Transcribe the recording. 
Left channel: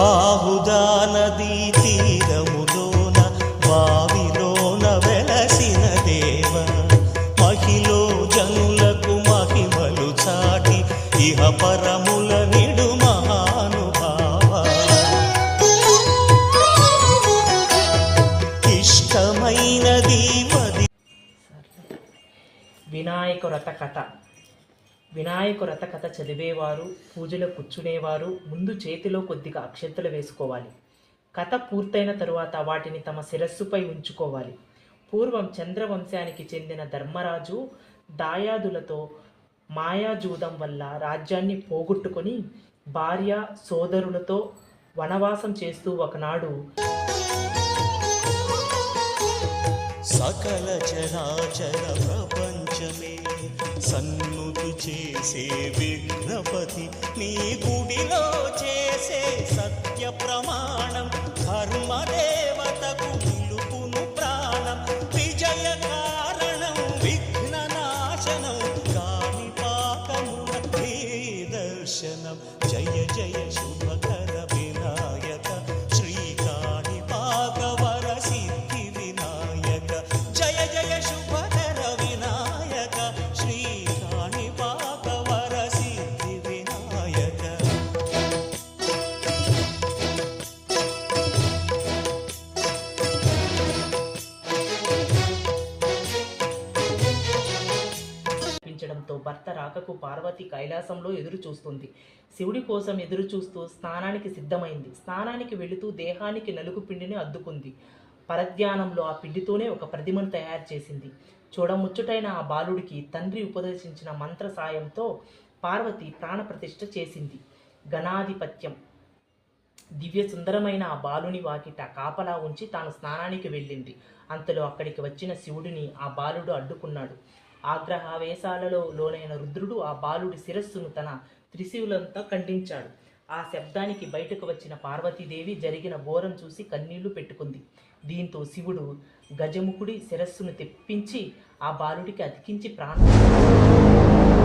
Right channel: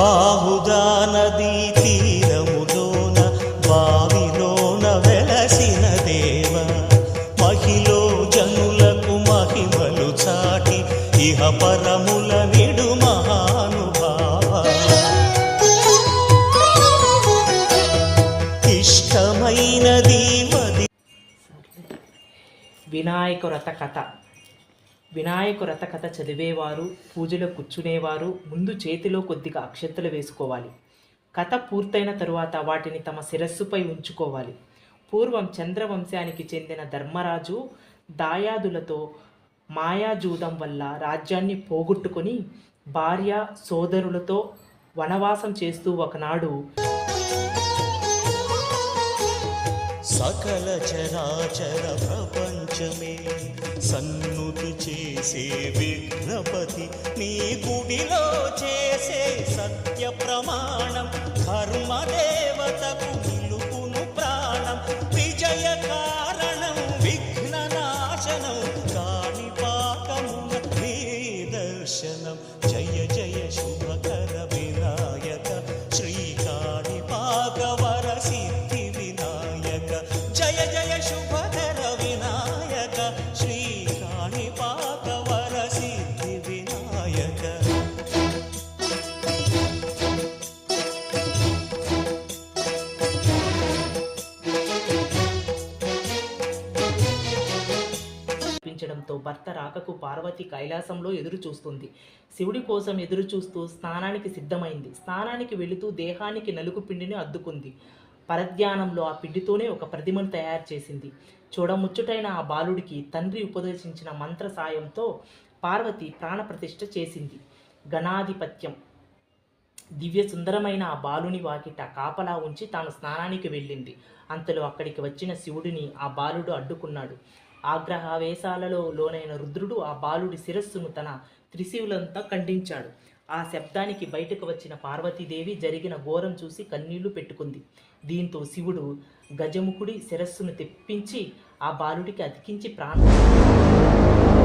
బాహుదా నదీ తీరములోన బావిలోన వెలసిన దేవ. మహిలో జనులకు మహిమలు చాటి ఇహ పరముల నిడు మహానుభావ. ఇష్టమైనది వది వినాయక రథ కథ. వినాయక రథ కథ చదివేవారు పూజలో కూర్చునేవారు ముందు చేతిలో కొద్దిగా అక్షంతలు వేసుకోవాలి. కథ పూర్తయిన తరువాత వాటిని తమ శిరస్సుపై ఉంచుకోవాలి. పూర్వం చంద్రవంశానికి చెందిన ధర్మరాజు దాయాదులతో మాయాజూదం వల్ల రాజ్యాన్ని పోగొట్టుకొని భార్య సోదరులతో వనవాసం చేస్తూ ఒకనాడు సకల చరాచర ప్రపంచమే సన్నుతి చేసే విఘ్నపతి. నీ గుడిలో చేసే సత్య ప్రమాణం కర్మదేవతకు నిలుపును ప్రాణం. విజయ కారణం విఘ్న నాశనం కాని పాకమున నీ దర్శనం. జయ జయ శుభకర వినాయక వినాయక. జయ జయ శుభకర వినాయక. శ్రీకాణి పాకవర సిద్ధి వినాయక. భర్త రాకకు పార్వతి కైలాసంలో ఎదురు చూస్తుంది. శివుడి కోసం ఎదురు చూస్తూ స్నానానికి సిద్ధమైంది. స్నానానికి వెళుతూ దేహానికి నలుగు పిండిని అద్దుకుంది. పరధ్యానంలో ఆ పిండితోనే ఒక ప్రతిమను తయారు చేసింది. చూడముచ్చుటైన ఆ బాలుడికి తండ్రి ఉపదేశించిన మంత్ర సాయంతో పార్వతి ప్రాణప్రతిష్ఠ చేసింది. గణాధిపత్యం దివ్య సుందరమైన ఆ బాలుని వాకిట కాపలా ఉంచి తాను స్నానానికి వెళ్ళింది. అంతలో అక్కడికి వచ్చిన శివుడిని ఆ బాలుడు అడ్డుకున్నాడు. ఆగ్రహావేశాలలో లోనైన రుద్రుడు ఆ బాలుడి శిరస్సును తన త్రిశూలంతా ఖండించాడు. ఆ శబ్దానికి బయటకు వచ్చిన పార్వతీదేవి జరిగిన ఘోరం చూసి కన్నీళ్ళు పెట్టుకుంది. దీంతో శివుడు గజముఖుడి శిరస్సును తెప్పించి ఆ బాలుడికి అతికించి ప్రాణం